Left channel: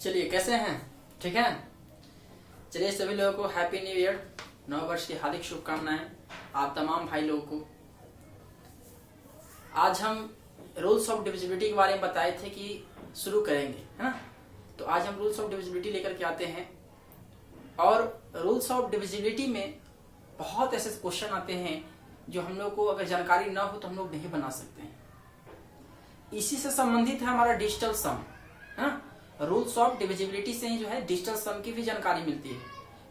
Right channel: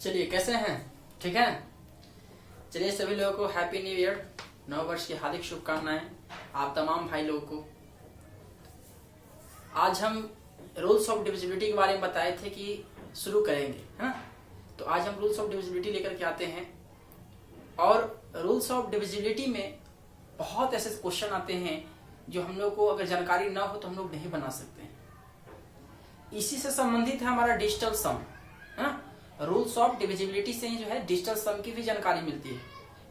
चलिए कैसे हैं? ठीक है। चलिए सभी लोगों को हैप्पी न्यू ईयर, नव वर्ष की हार्दिक शुभकामनाएं आप तमाम भाई लोगों को। आज हम रूल्स ऑफ डिविजिबिलिटी के बारे में बताए थे कि शुरू करेंगे, है ना। तो आज हम रूल्स ऑफ डिविजिबिलिटी लेकर के आते हैं और रूल्स ऑफ डिविजिबिलिटी में बहुत ऐसे क्वेश्चन आते हैं जो हम लोग को अगर जानकारी ना हो तो हम लोग नहीं बना सकते हैं। इसी से संबंधित है हमारा डिजिटल सम, है ना। रूल्स ऑफ डिविजिबिलिटी से ही जो है डिजिटल सम की भी जानकारी मिलती है।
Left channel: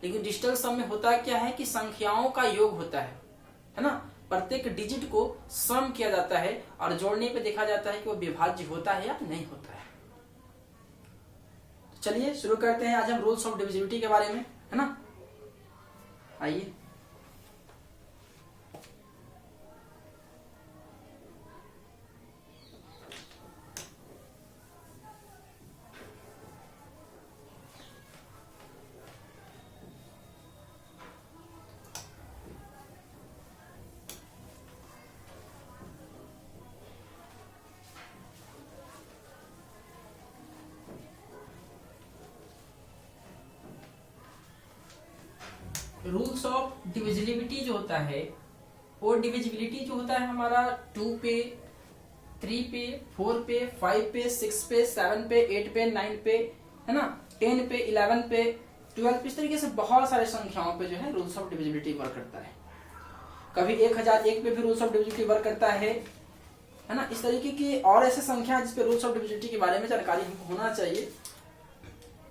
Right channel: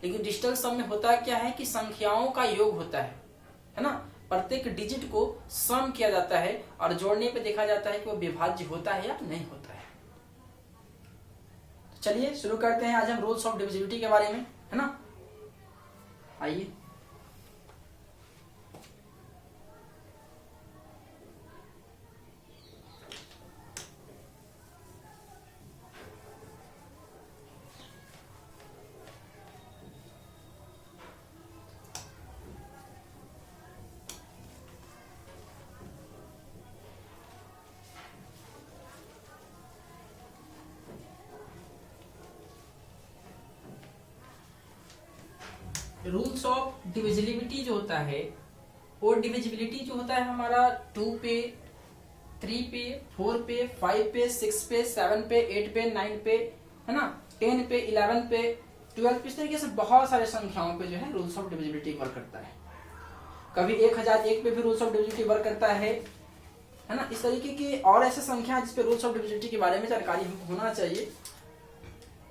लेकिन डिजिटल सम में होता क्या है कि संख्याओं का योग होता है ना। प्रत्येक डिजिट को सम किया जाता है और जोड़ने पे देखा जाता है कि वो विभाज्य होता है या नहीं होता है। तो चलिए शुरू करते हैं आज हम रूल्स ऑफ डिविजिबिलिटी के बारे में, है ना। आइए रूल्स ऑफ डिविजिबिलिटी जो होता है वो डिविजिबिलिटी जो होता है हमारा 2 पे, 3 पे, 4 पे, 5 पे, 6 पे, 7 पे, 8 पे, 9 पे, है ना, 10 पे, 11 पे, 12 पे, इस तरीके से बहुत सारे संख्याओं पे जो है रूल्स ऑफ डिविजिबिलिटी वर्क करता है। कभी 1001 पे भी रूल्स ऑफ डिविजिबिलिटी वर्क करता है ना। इस तरीके की और ऐसे संख्या है जिसपे रूल्स ऑफ डिविजिबिलिटी के बारे में जानकारी हमको होना चाहिए।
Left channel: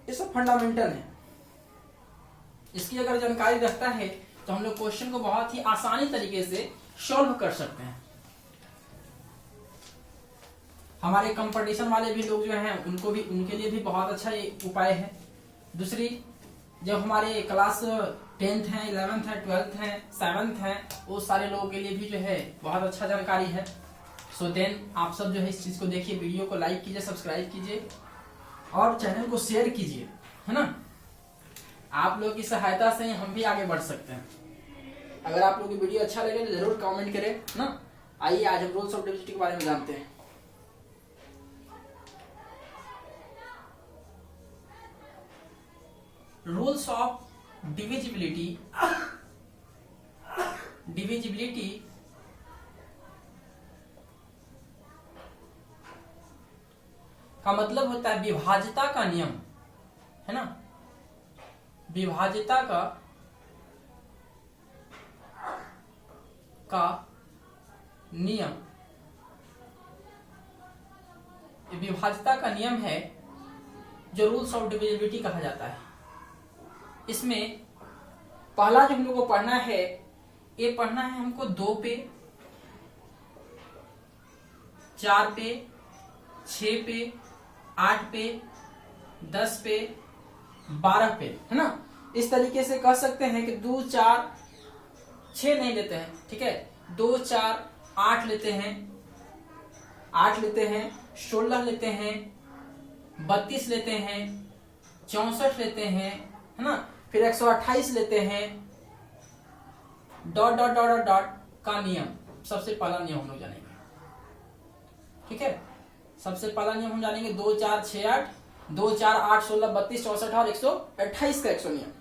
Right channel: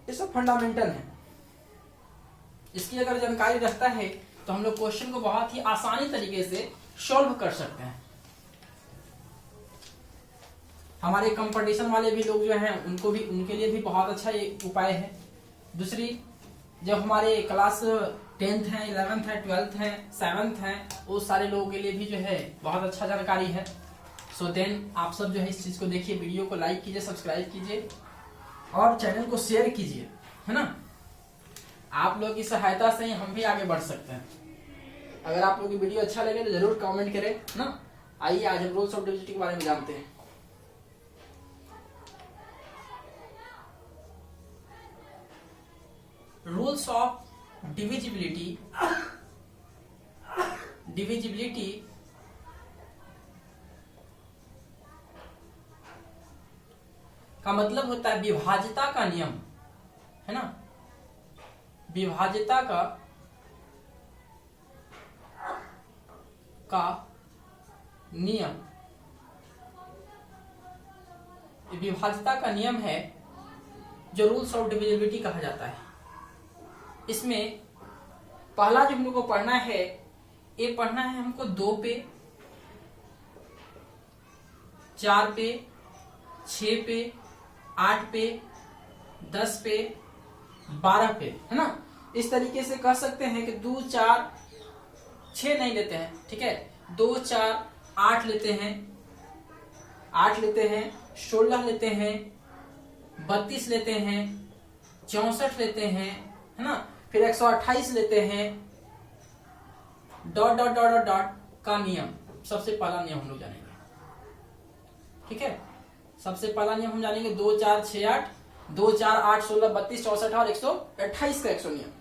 ये सब फंडामेंटल है। इसकी अगर जानकारी रखता है तो हम लोग क्वेश्चन को बहुत ही आसानी तरीके से सॉल्व कर सकते हैं। हमारे कंपटीशन वाले भी लोग जो हैं उनके लिए भी बहुत अच्छा ये उपाय है। दूसरी, जब हमारे क्लास 10th है, 11th है, 12th है, 7th है, वो सारे लोगों के लिए भी जो है बहुत अच्छा जानकारी है। सो देन आप सब जो है इस चीज को देखिए, वीडियो को लाइक कीजिए, सब्सक्राइब कीजिए और चैनल को शेयर कीजिए, है ना। आप लोग की सहायता से ही हम भी आगे बढ़ सकते हैं। अगर आप लोग की वीडियो अच्छा लगे तो जरूर कमेंट करें ना। आइए आज हम रूल्स ऑफ डिविजिबिलिटी के बारे में जानते हैं। रूल्स ऑफ डिविजिबिलिटी का मतलब होता है विभाज्यता का नियम, है ना। विभाज्यता का नियम, विभाज्यता का नियम है जो रूल्स ऑफ डिविजिबिलिटी कहा जाता है। इसमें पहला जो हम लोग को पढ़ना है, ये पढ़ना है हमको 2 पे, 4 पे, 6 पे, 8 पे, 10 पे, 12 पे, है ना। इस तरीके से कह सकते हैं कि 2, 4, 6 नहीं लेते हैं, ठीक है। 2, 4, 8 लेते हैं, 8 लेते हैं, 16 लेते हैं, 32 लेते हैं, 64 लेते हैं, है ना। फिर 128 लेते हैं। Dot dot dot dot dot का नियम सबसे पहला नियम हम लोग जानेंगे, ठीक है। सबसे पहला नियम हम जानेंगे 2, 4, 6, 8, 2, 4, 8, 16, 32, 64 और 128 का 100 नियम।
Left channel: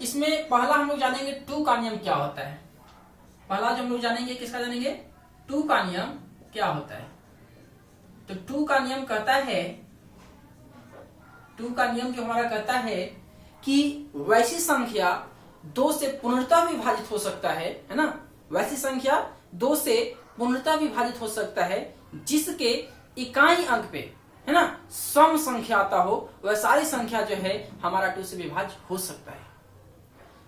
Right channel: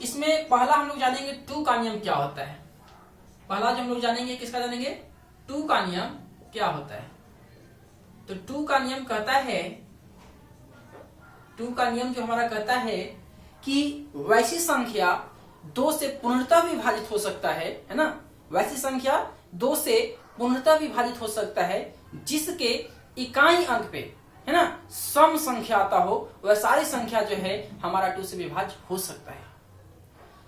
इसमें पहला हम लोग जानेंगे 2 का नियम क्या होता है। पहला जो हम लोग जानेंगे किसका जानेंगे, 2 का नियम क्या होता है। तो 2 का नियम कहता है, 2 का नियम जो हमारा कहता है कि वैसी संख्या 2 से पूर्णतः विभाजित हो सकता है ना। वैसी संख्या 2 से पूर्णतः विभाजित हो सकता है जिसके इकाई अंक पे, है ना, सम संख्या आता हो, वह सारी संख्या जो है हमारा 2 से विभाज्य हो सकता है।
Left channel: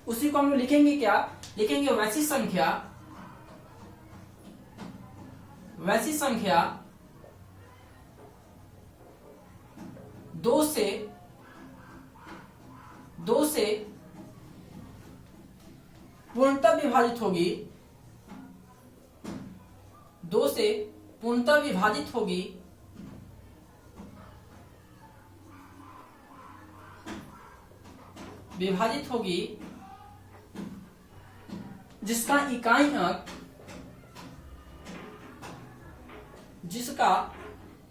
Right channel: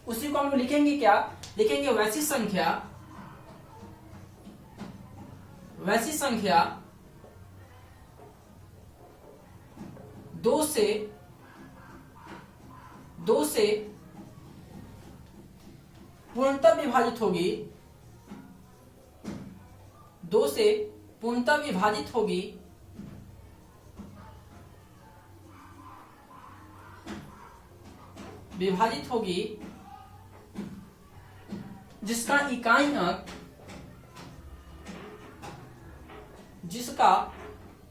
उसी को हम लोग लिखेंगे क्या, लिखेंगे वैसी संख्या 2 से पूर्णतः विभाजित होगी, 2 से पूर्णतः विभाजित होगी जिसका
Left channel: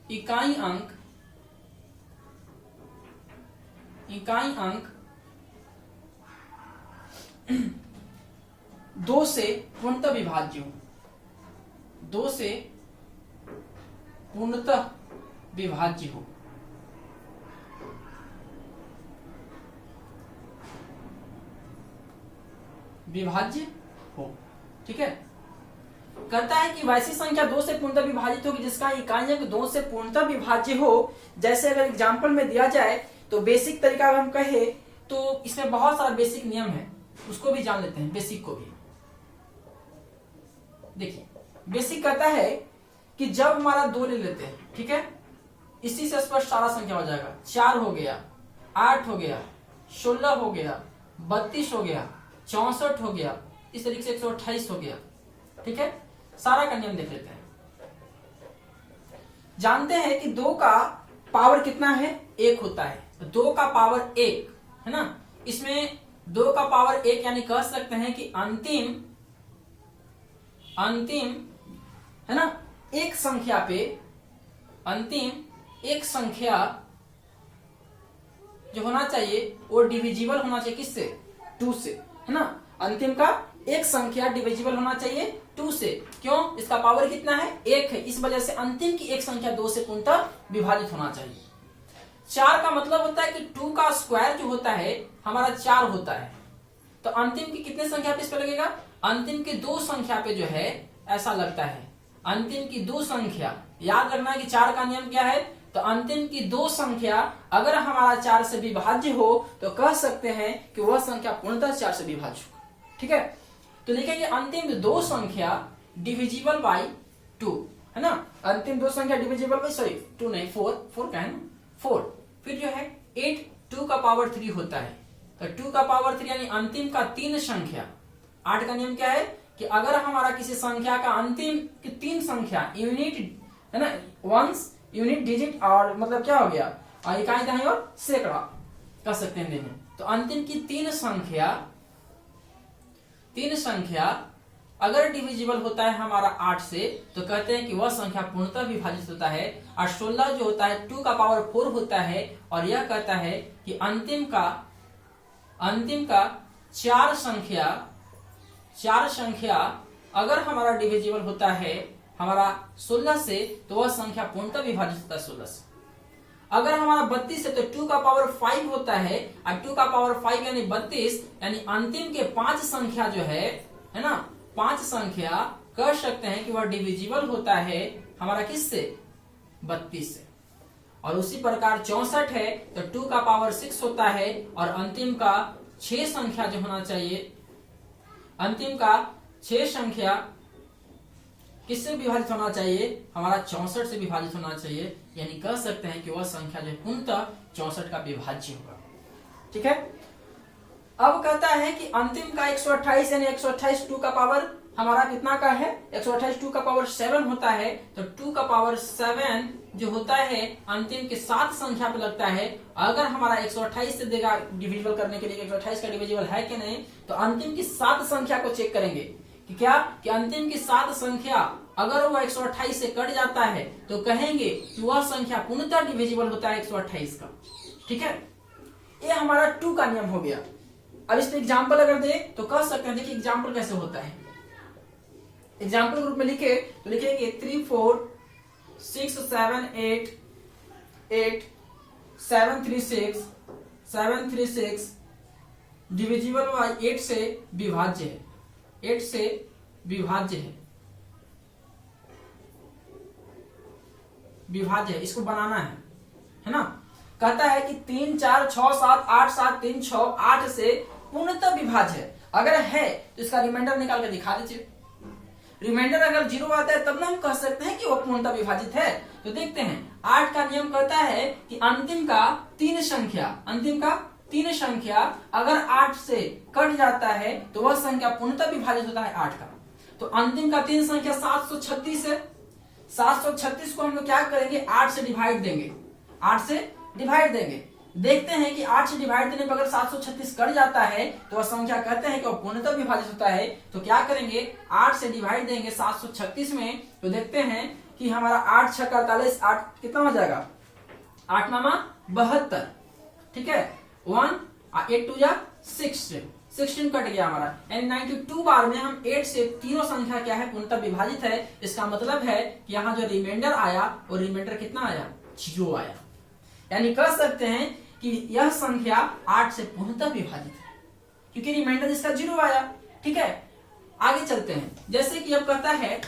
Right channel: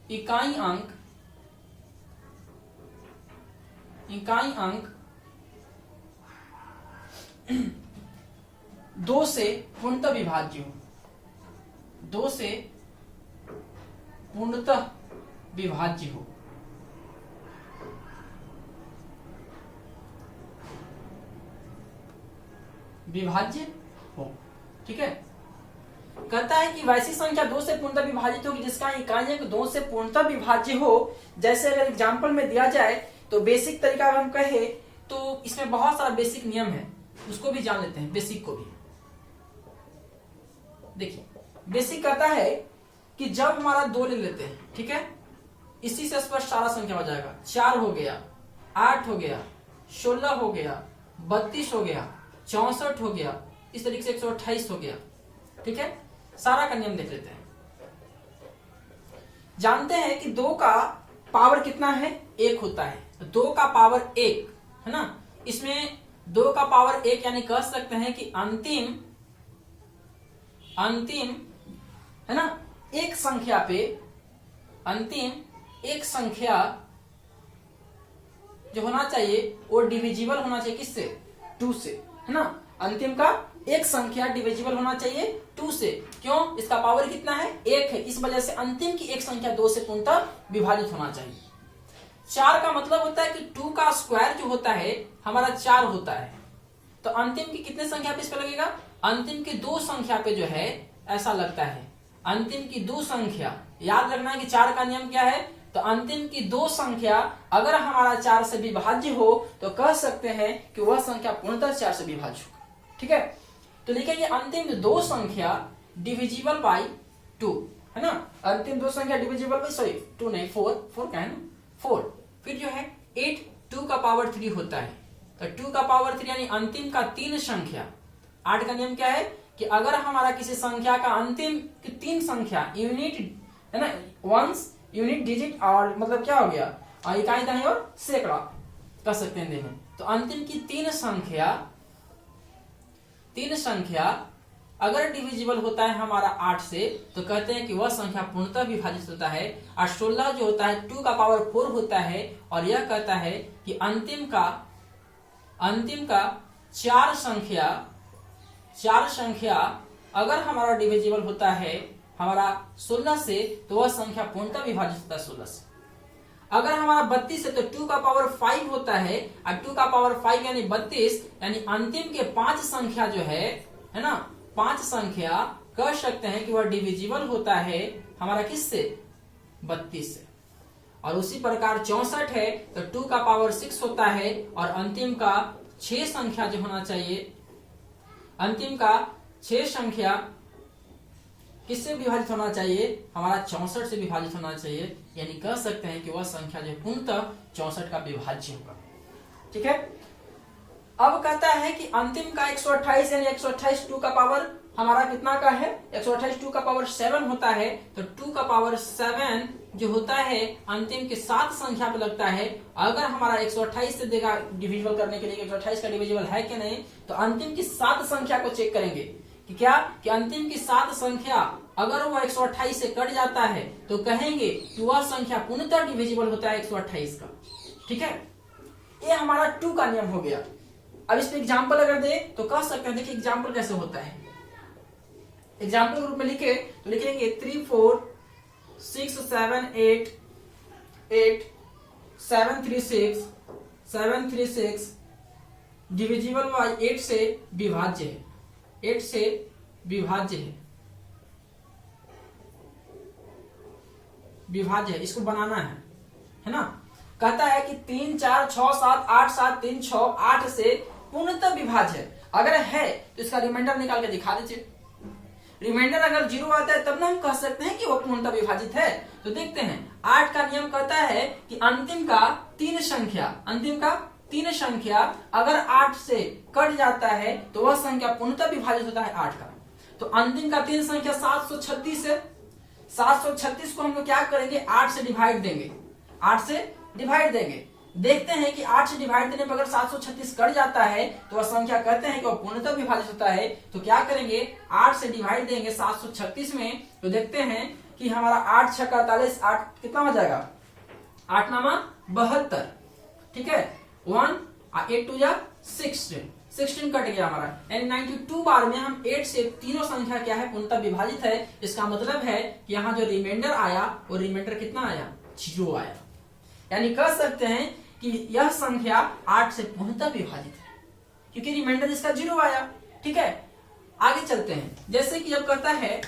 इकाई अंक इकाई अंक 2 से पूर्णतः विभाज्य हो, 2 से पूर्णतः विभाज्य हो। विभाज्य हो, ठीक है। कहता है कि वैसी संख्या 2 से पूर्णतः विभाजित होगी जिसका इकाई अंक 2 से पूर्णतः विभाज्य हो। जैसे अगर एग्जांपल में दिया जाए तो बेसिक तरीका हम कहे तो इसमें बहुत सारा बेसिक नियम है, उसको भी जान लेते हैं, बेसिक को भी। देखिए बेसिक कहता है कि जब हमारा 2 ले लेते हैं, ठीक है, इसी से स्पष्ट सारा संख्या हो जाएगा। 4 हो गया, 8 हो गया, 16 हो गया, 32 हो गया, 64 हो गया, इस तरीके से 128 हो गया, ठीक है। सारा का नियम देख लेते हैं। जानते हैं कि 2 का पावर कितना है, 1 होता है। 2 का पावर 1 है ना, इसमें 2 का पावर 1 यानी कह सकते हैं कि अंतिम है ना एक संख्या पे, अंतिम एक संख्या जो होना चाहिए वो डिविजिबल होना चाहिए किससे, 2 से, है ना। अंतिम का एक संख्या डिविजिबल होना चाहिए 2 से। क्यों, इसका पावर कितना है, 1 है, इस वजह से अंतिम की एक संख्या 2 से पूर्णतः विभाजित होना चाहिए। 4 का मतलब होता है कि 2 का स्क्वायर जो होता है हमारा 4 होता है, तो अंतिम की कितने संख्या पे इस पे लगेगा, अंतिम की 2 संख्या पे जो है ऐसा लगता है। अंतिम की 2 संख्या, याद रखना है कि 4 का नियम क्या है, तो अंतिम की 2 संख्या अगर हमारा 4 से विभाज्य हो तो कह सकते हैं कि वह संख्या पूर्णतः 4 से विभाज्य हो, ठीक है। तो लिखेंगे अंतिम 2 संख्या डिविजिबल बाई 2, है ना। अंतिम 2 संख्या डिविजिबल बाई, सॉरी 2 नहीं 4 का है ना, 4। फिर जो है 8 2 का पावर 3 होता है, तो 2 का पावर 3 यानी अंतिम का 3 संख्या। 8 का नियम क्या है कि अगर हमारा किसी संख्या का अंतिम की 3 संख्या यूनिट है ना, वंस यूनिट डिजिट और मतलब क्या हो गया, इकाई दहाई और सैकड़ा कह सकते हैं देखो। तो अंतिम की 3 संख्या अगर डिविजिबल होता है हमारा 8 से तो कहते हैं कि वह संख्या पूर्णतः विभाजित होता है। और 16 जो होता है 2 का पावर 4 होता है, और यह कहता है कि अंतिम का 4 संख्या अगर हमारा डिविजिबल होता है हमारा 16 से तो वह संख्या पूर्णतः विभाजित होता है 16 से। अगर हमारा 32 है तो 2 का पावर 5 होता है, और 2 का पावर 5 यानी 32, यानी अंतिम के 5 संख्या जो है ना, 5 संख्या कह सकते हैं कि वह डिविजिबल होता है हमारा किससे, 32 से। और उसी प्रकार 64 है तो 2 का पावर 6 होता है, और अंतिम का 6 संख्या जो होना चाहिए, अंतिम का 6 संख्या किससे विभाजित होना चाहिए, हमारा 64 से विभाजित होना चाहिए। यानी कह सकते हैं कि वह संख्या जो पूर्णतः 64 का विभाज्य होगा, ठीक है। अब कहता है कि अंतिम का 128 यानी 128 2 का पावर हमारा कितना का है, 128 2 का पावर 7 होता है, तो 2 का पावर 7 जो होता है अंतिम के 7 संख्या पे लगता है। अगर हमारा 128 से देगा डिविजिबल करने के लिए 128 का डिविजिबल है कि नहीं, तो अंतिम की 7 संख्या को चेक करेंगे कि क्या, कि अंतिम की 7 संख्या अगर वह 128 से कट जाता है तो कहेंगे कि वह संख्या पूर्णतः डिविजिबल होता है 128 का, ठीक है। ये हमारा 2 का नियम हो गया। अब इस पे एग्जाम्पल अगर दे तो कह सकते हैं, देखिए एग्जाम्पल कैसे होता है। एग्जाम्पल ग्रुप में लिखे तो लिखेंगे 3 4 6 7 8 8 7 3 6 7 3 6 डिविजिबल बाय 8 से विभाज्य है, 8 से विभाज्य है, इसको बनाना है ना। कहता है कि 3 4 6 7 8 7 3 6 8 से पूर्णतः विभाज्य है। अगर है तो इसका रिमाइंडर निकाल के दिखा दीजिए। रिमाइंडर अगर 0 आता है तब ना हम कह सकते हैं कि वो पूर्णतः विभाजित है। तो देखते हैं 8 का नियम कहता है कि अंतिम का 3 संख्या अगर 8 से कट जाता है तो वह संख्या पूर्णतः विभाजित होता है 8 का। तो अंतिम का 3 संख्या 736 है, 736 को हम लोग क्या करेंगे, 8 से डिवाइड देंगे, 8 से डिवाइड देंगे। देखते हैं कि 8 से डिवाइड देने पर अगर 736 कट जाता है तो वह संख्या कहते हैं कि वह पूर्णतः विभाजित होता है। तो क्या करेंगे, 8 से डिवाइड देंगे 736 में, तो देखते हैं कि हमारा 8 6 48, 8 कितना हो जाएगा, 8 9 72, ठीक है। 1, 8 2 जा 16 कट गया हमारा, यानी 92 बार में हम 8 से तीनों संख्या क्या है पूर्णतः विभाजित है। इसका मतलब है कि यहाँ जो रिमाइंडर आया वो रिमाइंडर कितना आया, 0 आया। यानी कह सकते हैं कि यह संख्या 8 से पूर्णतः विभाजित है क्योंकि रिमाइंडर इसका 0 आया। ठीक है, आगे चलते हैं। जैसे कि अब कहता है,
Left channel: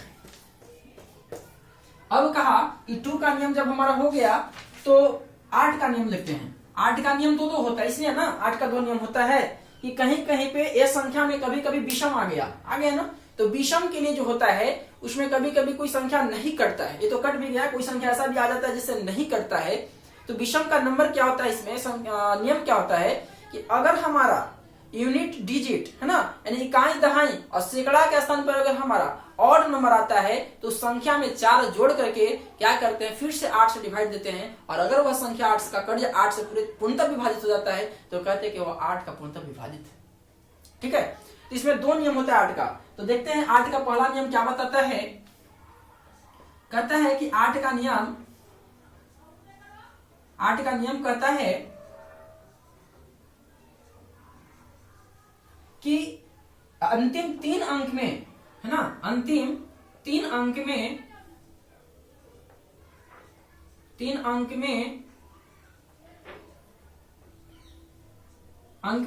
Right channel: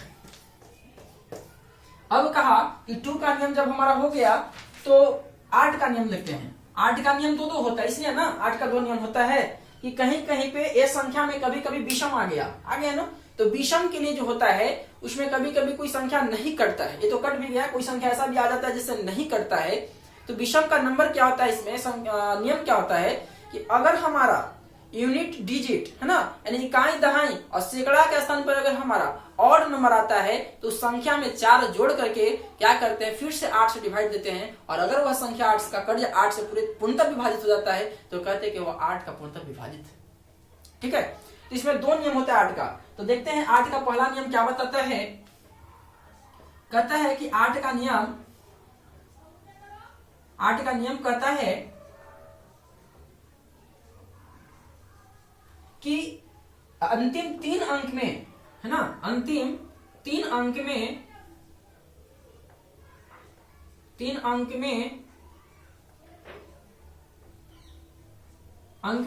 अब कहा कि 2 का नियम जब हमारा हो गया तो 8 का नियम लेते हैं। 8 का नियम दो होता है, इसलिए ना 8 का 2 नियम होता है कि कहीं कहीं पे ए संख्या में कभी कभी विषम आ गया ना, तो विषम के लिए जो होता है उसमें कभी कभी कोई संख्या नहीं कटता है। ये तो कट भी गया, कोई संख्या ऐसा भी आ जाता है जिससे नहीं कटता है। तो विषम का नंबर क्या होता है, इसमें नियम क्या होता है कि अगर हमारा यूनिट डिजिट है ना, यानी इकाई दहाई और सैकड़ा के स्थान पर अगर हमारा ऑड नंबर आता है तो संख्या में 4 जोड़ करके क्या करते हैं, फिर से 8 से डिवाइड देते हैं। और अगर वह संख्या 8 का कट 8 से पूरे पूर्णतः विभाजित हो जाता है तो कहते हैं कि वह 8 का पूर्णतः विभाजित है। ठीक है, तो इसमें 2 नियम होता है 8 का। तो देखते हैं 8 का पहला नियम क्या बताता है। कहता है कि 8 का नियम कहता है कि अंतिम 3 अंक में है ना, अंतिम 3 अंक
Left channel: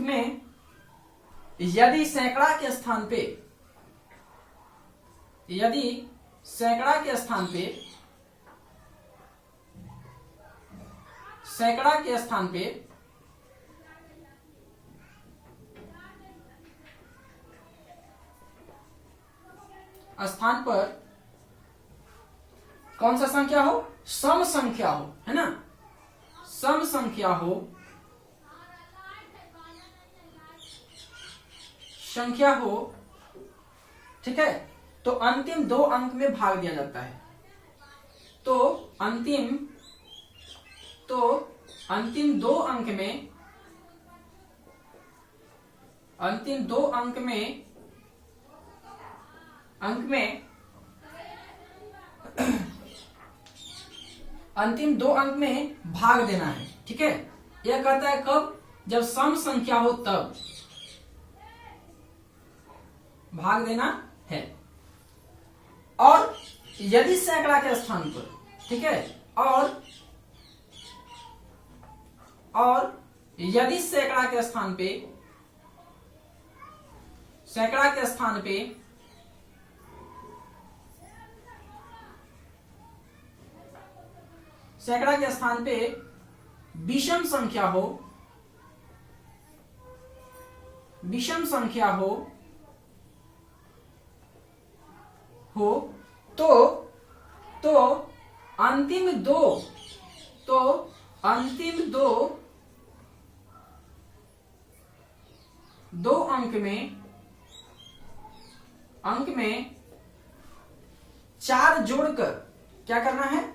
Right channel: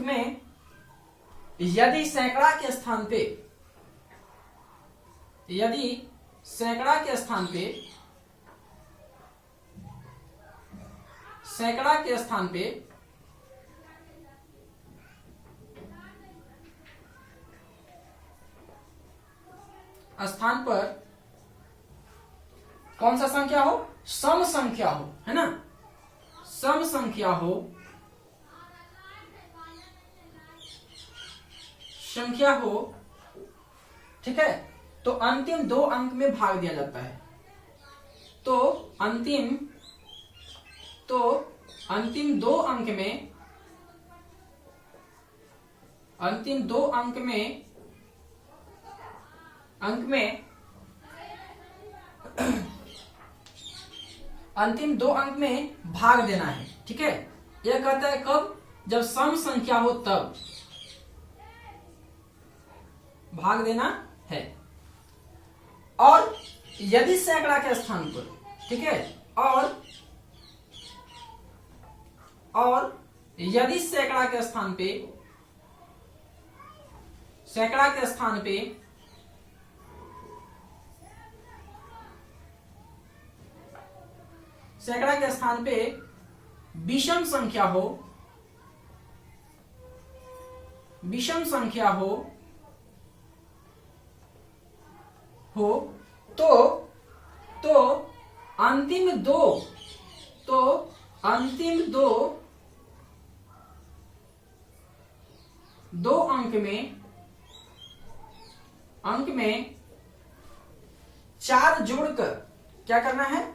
में यदि सैकड़ा के स्थान पे स्थान पर कौन सा संख्या हो, सम संख्या हो, है ना, सम संख्या हो, ठीक है, तो अंतिम 2 अंक में भाग दिया जाता है। तो अंतिम 2 अंक में अंतिम 2 अंक में भाग देना है। ठीक है, यह कहता है कब, जब सम संख्या हो तब भाग देना है। और यदि सैकड़ा के स्थान पर, ठीक है, और यदि सैकड़ा के स्थान पे विषम संख्या हो तो अंतिम दो अंक में 4 जोड़कर क्या करना है,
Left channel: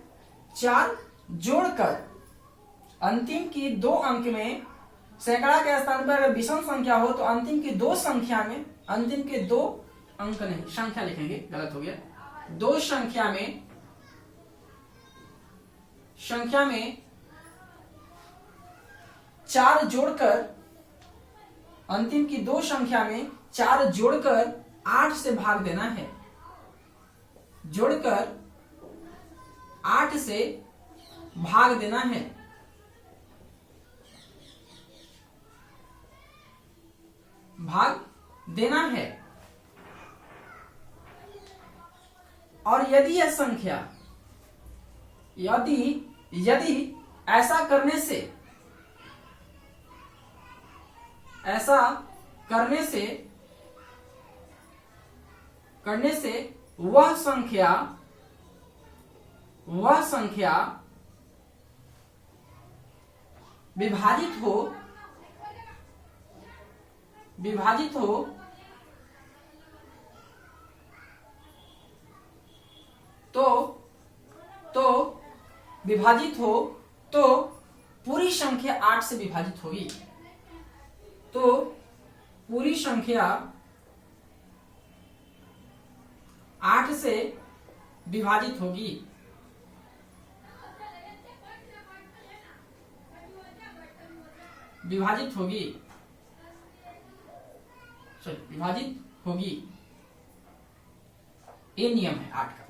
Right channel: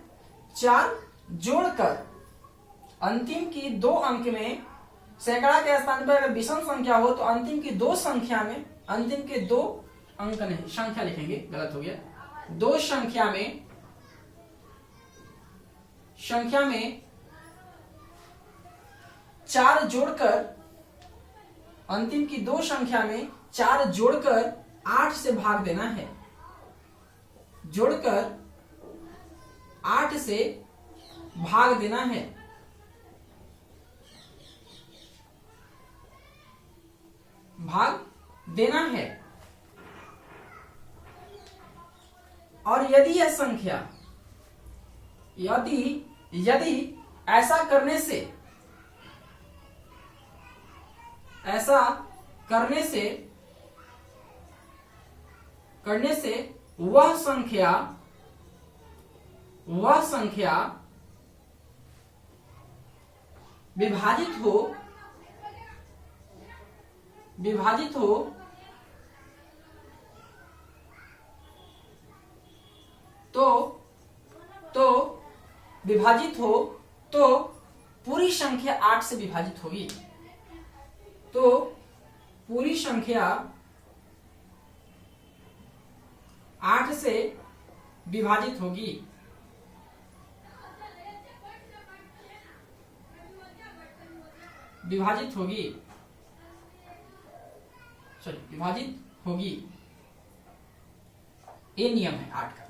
4 जोड़कर अंतिम की 2 अंक में, सैकड़ा के स्थान पर अगर विषम संख्या हो तो अंतिम की 2 संख्या में, अंतिम के 2 अंक नहीं, संख्या लिखेंगे, गलत हो गया, 2 संख्या में 4 जोड़कर, अंतिम की 2 संख्या में 4 जोड़कर 8 से भाग देना है, जोड़कर 8 से भाग देना है। और यदि यह संख्या, यदि ऐसा करने से वह संख्या विभाजित हो तो पूरी संख्या 8 से विभाजित होगी। तो पूरी संख्या 8 से विभाजित होगी। विभाजित होगी, विभाजित होगी, ये नियम है 8 का।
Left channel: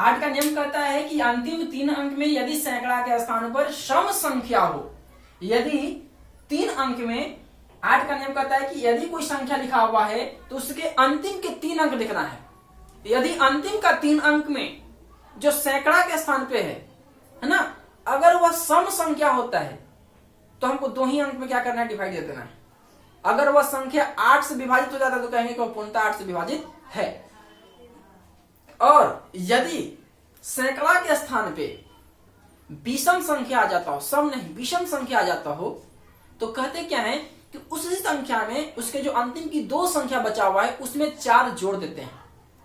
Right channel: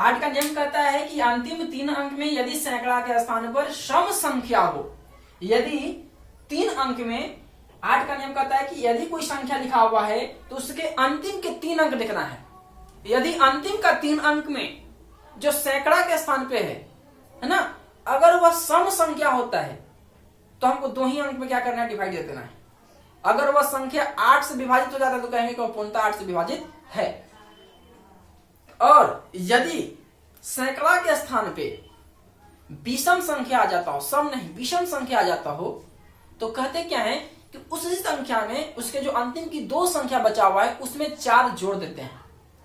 8 का नियम कहता है कि अंतिम 3 अंक में यदि सैकड़ा के स्थान पर सम संख्या हो, यदि 3 अंक में 8 का नियम कहता है कि यदि कोई संख्या लिखा हुआ है तो उसके अंतिम के 3 अंक लिखना है। यदि अंतिम का 3 अंक में जो सैकड़ा के स्थान पे है ना, अगर वह सम संख्या होता है तो हमको 2 ही अंक में क्या करना है, डिवाइड कर देना है। अगर वह संख्या 8 से विभाजित हो जाता है तो कहेंगे कि वह पूर्णतः 8 से विभाजित है। और यदि सैकड़ा के स्थान पे विषम संख्या आ जाता हो, सम नहीं विषम संख्या आ जाता हो, तो कहते क्या है कि उसी संख्या में उसके जो अंतिम की 2 संख्या बचा हुआ है उसमें 4 जोड़ देते हैं,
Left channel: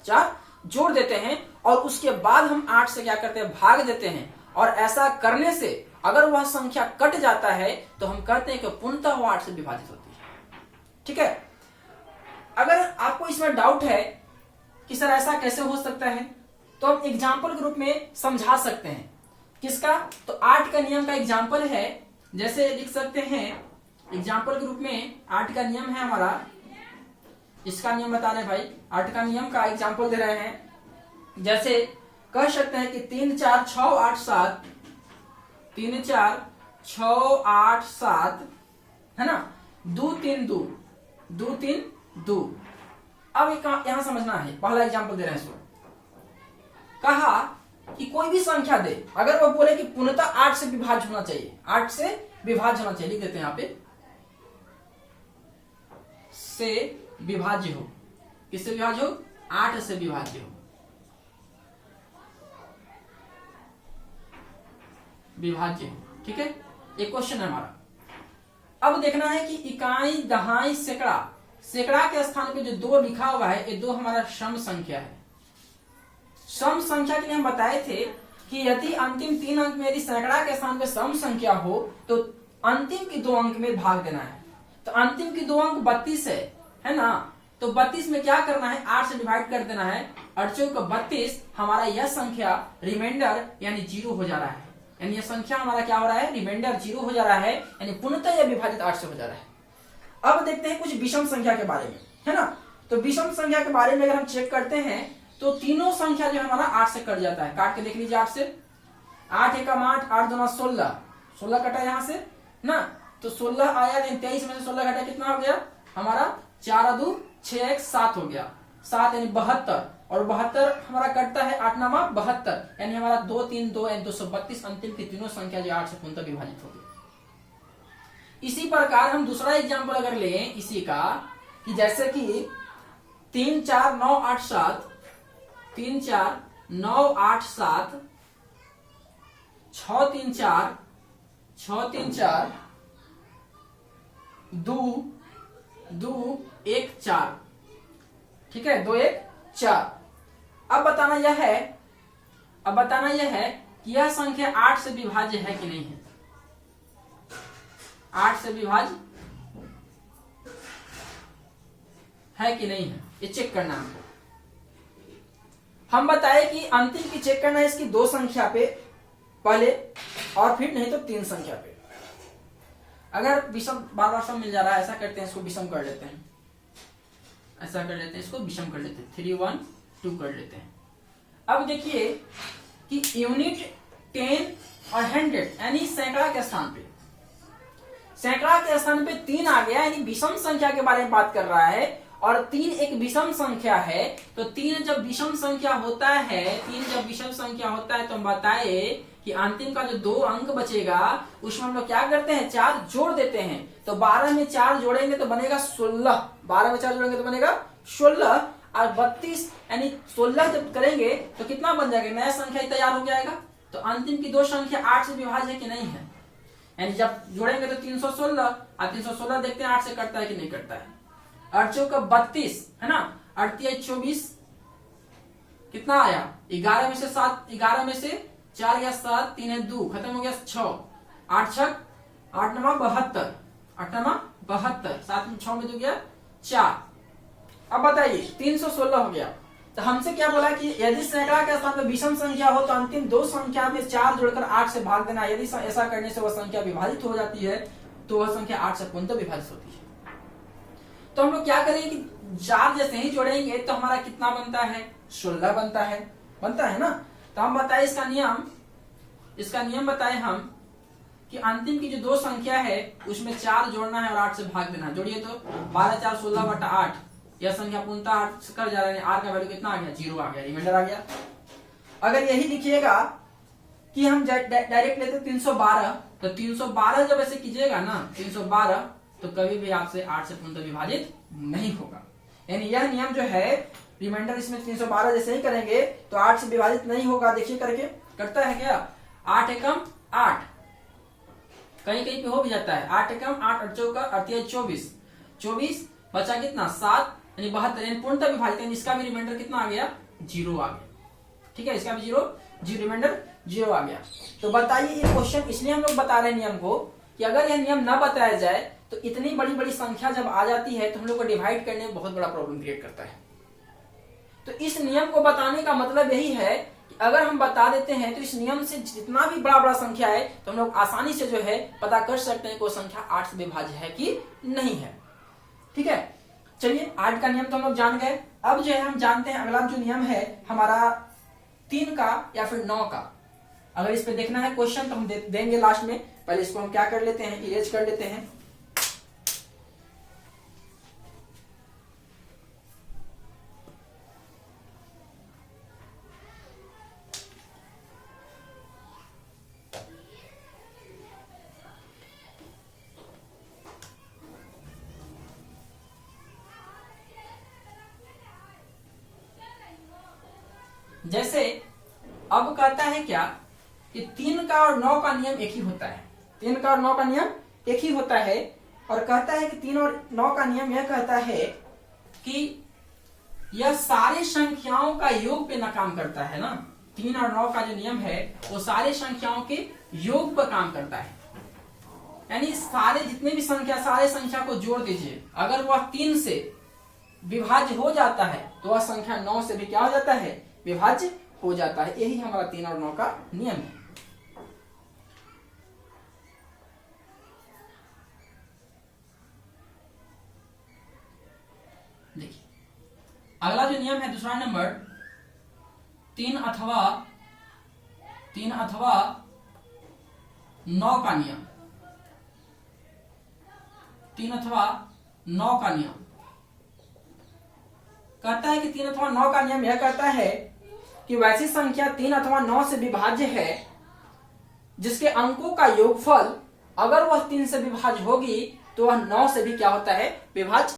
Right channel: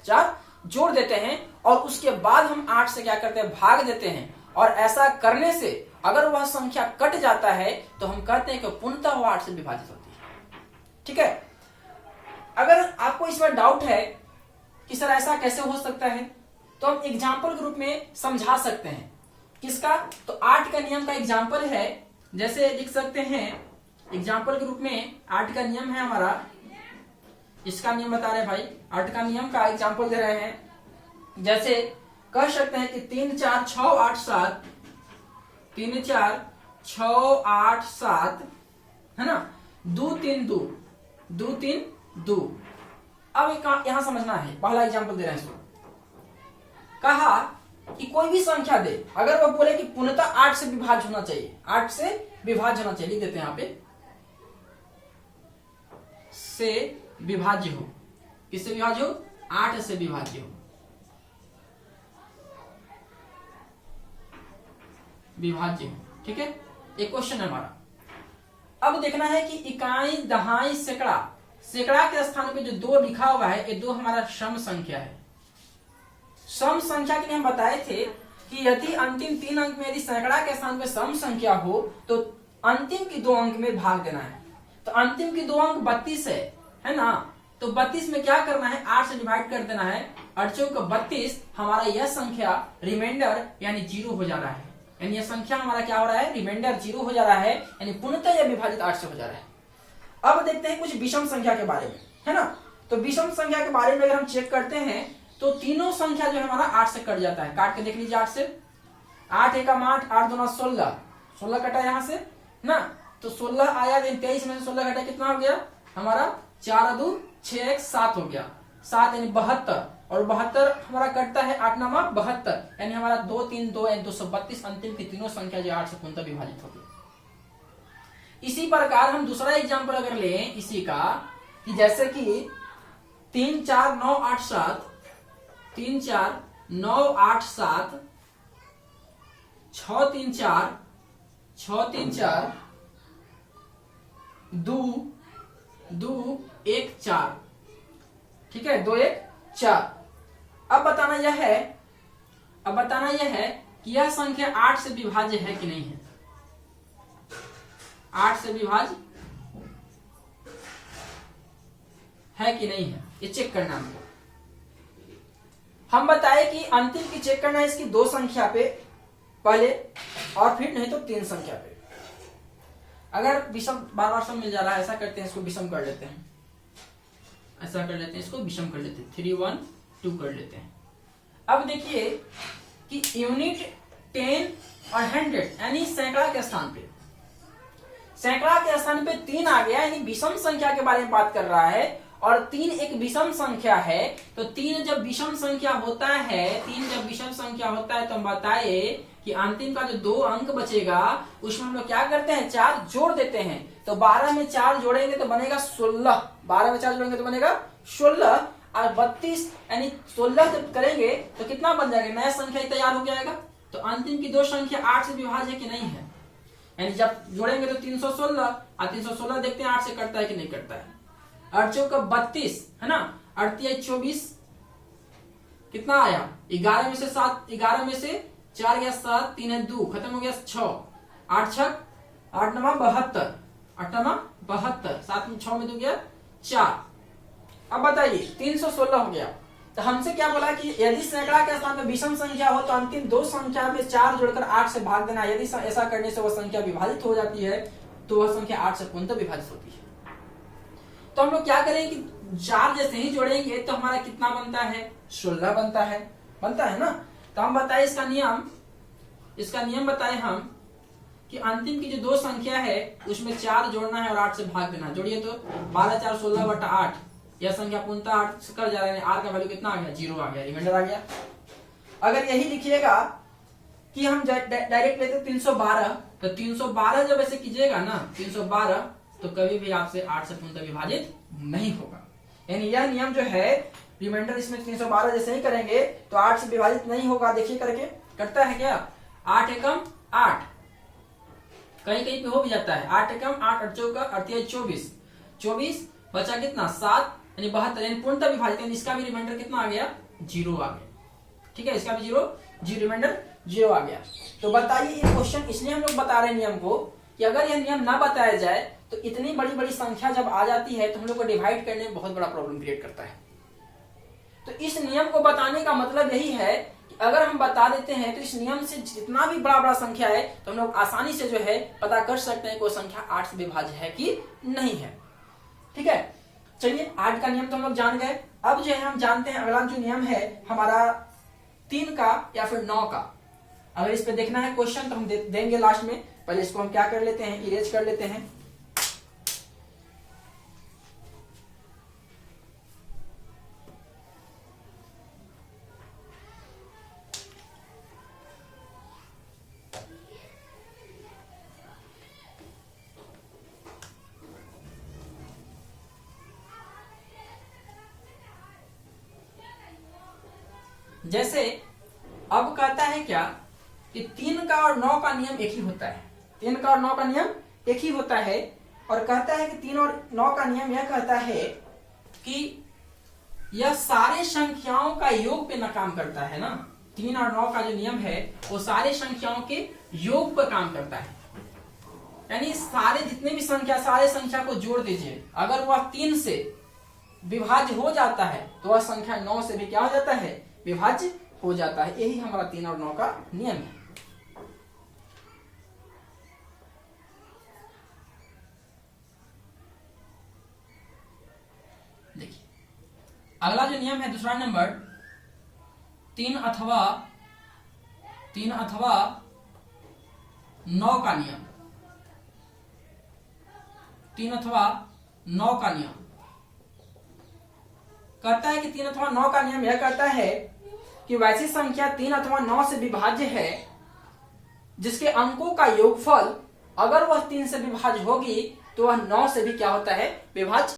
4 जोड़ देते हैं और उसके बाद हम 8 से क्या करते हैं, भाग देते हैं। और ऐसा करने से अगर वह संख्या कट जाता है तो हम कहते हैं कि पूर्णतः वह 8 से विभाजित होती है। ठीक है। अगर आपको इसमें डाउट है कि सर ऐसा कैसे हो सकता है, तो हम एग्जाम्पल के रूप में समझा सकते हैं। किसका, तो 8 का नियम का एग्जाम्पल है, जैसे लिख सकते हैं एग्जाम्पल के रूप में 8 का नियम है हमारा, इसका नियम बता रहे हैं भाई, 8 का नियम का एग्जाम्पल दे रहे हैं। जैसे कह सकते हैं कि 3 4 6 8 7, 3 4 6 8 7 है ना, 2 3 2, 2 3 2। अब यहां समझना है, पहला एग्जाम्पल दे रहे हैं इसको। कहा कि कोई भी संख्या दे, अगर वो बोले कि पूर्णतः 8 से विभाज्य होना चाहिए, 8 से विभाज्य होना चाहिए, लिख देते हैं यहां पे, से विभाज्य हो। किससे विभाज्य हो, 8 से विभाज्य हो, विभाज्य हो। ठीक है, एक क्वेश्चन है हमारा। अब देखना है कि इकाई, दहाई, सैकड़ा, सैकड़ा के स्थान पे जो 2 लिखा हुआ है, ये 2 हमारा सम संख्या है। सम संख्या के लिए हम बताए थे कि यदि अंतिम 3 अंक में यदि सैकड़ा के स्थान पे सम संख्या हो तो अंतिम की 2 अंक में भाग देना है। तो अंतिम की 2 अंक 32 है ना, तो 32 में क्या करना है, 8 से डिवाइड कर देना है। 8 चौक 32, हमारा यह संख्या रिमाइंडर यानी 0 हो जा रहा है, यानी यह संख्या हमारा क्या हो रहा है, रिमाइंडर 0 हो जा रहा है, यानी पूर्णतः यह विभाजित 8 से हो जा रहा है। अब देखते हैं कुछ विषम संख्या के बारे में, है ना। तो विषम संख्या के बारे में अगर हम चेक करते हैं तो तीनों संख्या जो हमारा 8 से कट जाता है। काट के देख लीजिए 8 से, 8 एकम 8, 8 दूना 16, 16 कटा यहां से ना, तो 16 आया, 23 में से 16 घटा कितना हो गया हमारा, 4 2 6 1 7 हो गया, 7 यानी 72, और 72 हमारा कटता है 8 नामा 72, यानी हमारा 2 3 2 यानी 232 अंतिम की तीनों संख्या जो 8 से पूर्णतः विभाजित होगी। इसी प्रकार हम दूसरा एग्जाम्पल अगर लें इसी का, कि जैसे कि 3 4 9 8 7, 3 4 9 8 7, 6 3 4, 6 3 4, 2 2 1 4, ठीक है, 2 1 4। अब बताना यह है कि यह संख्या 8 से विभाज्य है कि नहीं है, 8 से विभाज्य है कि नहीं है, ये चेक करना हमको। हम बताए कि अंतिम की चेक करना है इसकी 2 संख्या पे पहले, और फिर नहीं तो 3 संख्या पे। अगर विषम बार बार सम मिल जा रहा है, ऐसा करते हैं इसको विषम कर लेते हैं, ऐसा कर लेते हैं, इसको विषम कर लेते हैं, 3 1 2 कर लेते हैं। अब देखिए कि यूनिट 10 और 100 यानी सैकड़ा के स्थान पे, सैकड़ा के स्थान पे 3 आ गया, यानी विषम संख्या के बारे में बात कर रहा है, और 3 एक विषम संख्या है। तो 3 जब विषम संख्या होता है, 3 जब विषम संख्या होता है तो हम बताए कि अंतिम का जो 2 अंक बचेगा उसमें हम लोग क्या करते हैं, 4 जोड़ देते हैं। तो 12 में 4 जोड़ेंगे तो बनेगा 16, 12 में 4 जोड़ेंगे तो बनेगा 16, और 32 यानी 16 जब करेंगे तो कितना बन जाएगा, नया संख्या ही तैयार हो जाएगा। तो अंतिम की 2 संख्या 8 से विभाज्य है कि नहीं है, यानी जब जोड़ेंगे तो 316, और 316 देखते हैं 8 से कटता है कि नहीं कटता है। 8 चौक 32 है ना, 8 24, कितना आया, 11 में से 7, 11 में से 4 गया 7, 3 है 2, खत्म हो गया 6, 8 छक 8 नमा 72, 8 नमा 72, 7 में 6 में 2 गया 4। अब बताइए 316 हो गया। तो हमसे क्या बोला कि यदि सैकड़ा के स्थान में विषम संख्या हो तो अंतिम 2 संख्या में 4 जोड़कर 8 से भाग देना। यदि ऐसा करने से वह संख्या विभाजित हो जाती है तो वह संख्या 8 से पूर्णतः विभाजित होती है। तो हम लोग क्या करें कि 4 जैसे ही जोड़ेंगे तो हमारा कितना बनता है, 16 बनता है ना। तो हम बताए इसका नियम बताए हम कि अंतिम की जो दो संख्या है उसमें 4 जोड़ना है और 8 से भाग देना है। जोड़िए तो 12 4 16 बटा 8, यह संख्या पूर्णतः 8 से कर जा रहा है, आर का वैल्यू कितना आ गया, 0 आ गया, रिमाइंडर आ गया। अगर यही लिखिएगा कि हम डायरेक्ट लेते 312, तो 312 जब ऐसे कीजिएगा ना 312, तो कभी भी आपसे 8 से पूर्णतः विभाजित नहीं होगा। यानी यह नियम जो है रिमाइंडर इसमें 312 जैसे ही करेंगे तो 8 से विभाजित नहीं होगा। देखिए करके कटता है क्या, 8 एकम 8, कहीं कहीं पे हो भी जाता है, 8 एकम 8 8 चौका 24 बचा कितना 7, यानी 72, यानी पूर्णतः विभाजित, यानी इसका भी रिमाइंडर कितना आ गया, 0 आ गया। ठीक है, इसका भी 0 रिमाइंडर 0 आ गया। तो बताइए ये क्वेश्चन इसलिए हम लोग बता रहे हैं नियम को कि अगर यह नियम ना बताया जाए तो इतनी बड़ी बड़ी संख्या जब आ जाती है तो हम लोग को डिवाइड करने में बहुत बड़ा प्रॉब्लम क्रिएट करता है। तो इस नियम को बताने का मतलब यही है कि अगर हम बता देते हैं तो इस नियम से जितना भी बड़ा संख्या है तो हम लोग आसानी से जो है पता कर सकते हैं कोई संख्या 8 से विभाज्य है कि नहीं है। ठीक है, चलिए 8 का नियम तो हम लोग जान गए। अब जो है हम जानते हैं अगला जो नियम है हमारा 3 का या फिर 9 का। अगर इस पे देखना है क्वेश्चन तो हम देंगे लास्ट में, पहले इसको हम क्या कर लेते हैं, इरेज कर लेते हैं। जैसे अब कहता है क्या कि 3 का और 9 का नियम एक ही होता है, 3 का और 9 का नियम एक ही होता है। और कहता है कि 3 और 9 का नियम यह कहता है कि यह सारी संख्याओं का योग पे ना काम करता है ना। 3 और 9 का जो नियम है वो सारे संख्याओं के योग पर काम करता है। यानी सारे जितने भी संख्या, सारे संख्या को जोड़ दीजिए, अगर वह 3 से विभाज्य हो जाता है तो वह संख्या 9 से भी क्या हो जाता है, विभाज्य हो जाता है। यही हमारा 3 और 9 का नियम है। देखिए अगला जो नियम है दूसरा नंबर 3 अथवा 9 का नियम। 3 अथवा 9 का नियम कहता है कि 3 अथवा 9 का नियम यह कहता है कि वैसी संख्या 3 अथवा 9 से विभाज्य है जिसके अंकों का योगफल अगर वह 3 से विभाज्य होगी तो वह 9 से भी क्या होता है, विभाज्य